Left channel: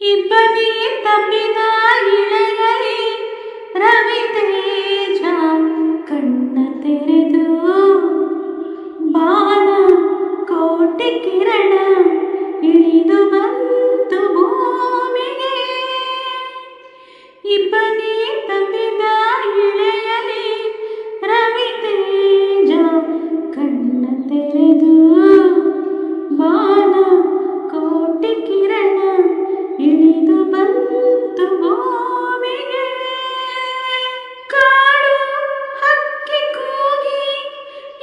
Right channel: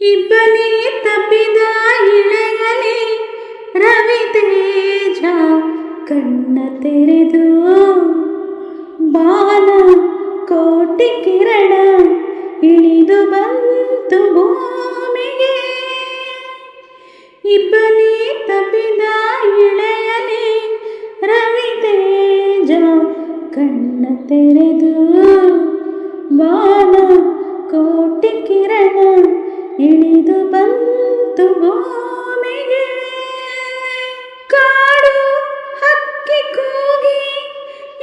ಇಬ್ಬನಿ ತಪ್ಪಿದ ಇಳೆಯಲಿ ರವಿತೇಜ ಕಣ್ಣ ತೆರೆದು ಬಾನ ಕೋಟಿ ಕಿರಣ ಇಳಿದು ಬಂತು ಭೂಮಿಗೆ. ಇಬ್ಬನಿ ತಪ್ಪಿದ ಇಳೆಯಲಿ ರವಿತೇಜ ಕಣ್ಣ ತೆರೆದು ಬಾನ ಕೋಟಿ ಕಿರಣ ಇಳಿದು ಬಂತು ಭೂಮಿಗೆ. ಕಾಡು ಹಕ್ಕಿ ಕೂಗಿ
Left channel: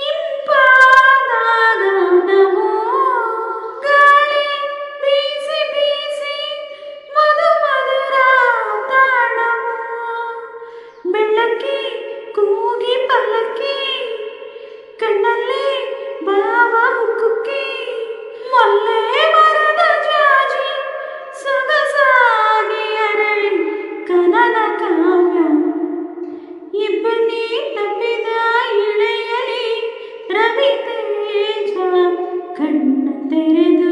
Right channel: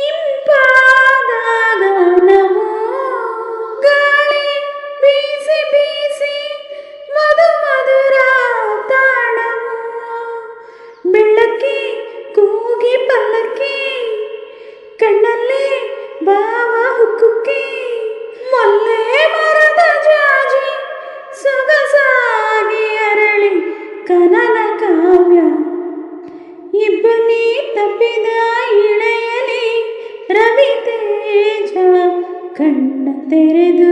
ಇಂಪಾದಾಗ ನಾವು ಗಾಳಿ ಬೀಸಿ ಬೀಸಿ ಮಧು ಮಧುರ ತಾಣವು. ಬೆಳ್ಳಕ್ಕಿ ಕೂಗಿ ಪಲ್ಲಕ್ಕಿ ಕಣ್ಣಲ್ಲೇ ಭಾವ ಹುಕ್ಕುಕ್ಕಿ ಮೊಲ್ಲೆ ಮರದ ಜಾಜಿ ಸೊಗಸಾಗಿ ಅರಳಿ ಕನನ ಕಾವ್ಯ. ಇಬ್ಬನಿ ತಪ್ಪಿದ ಇಳೆಯಲಿ ರವಿತೇಜ ಕಣ್ಣ ತೆರೆದು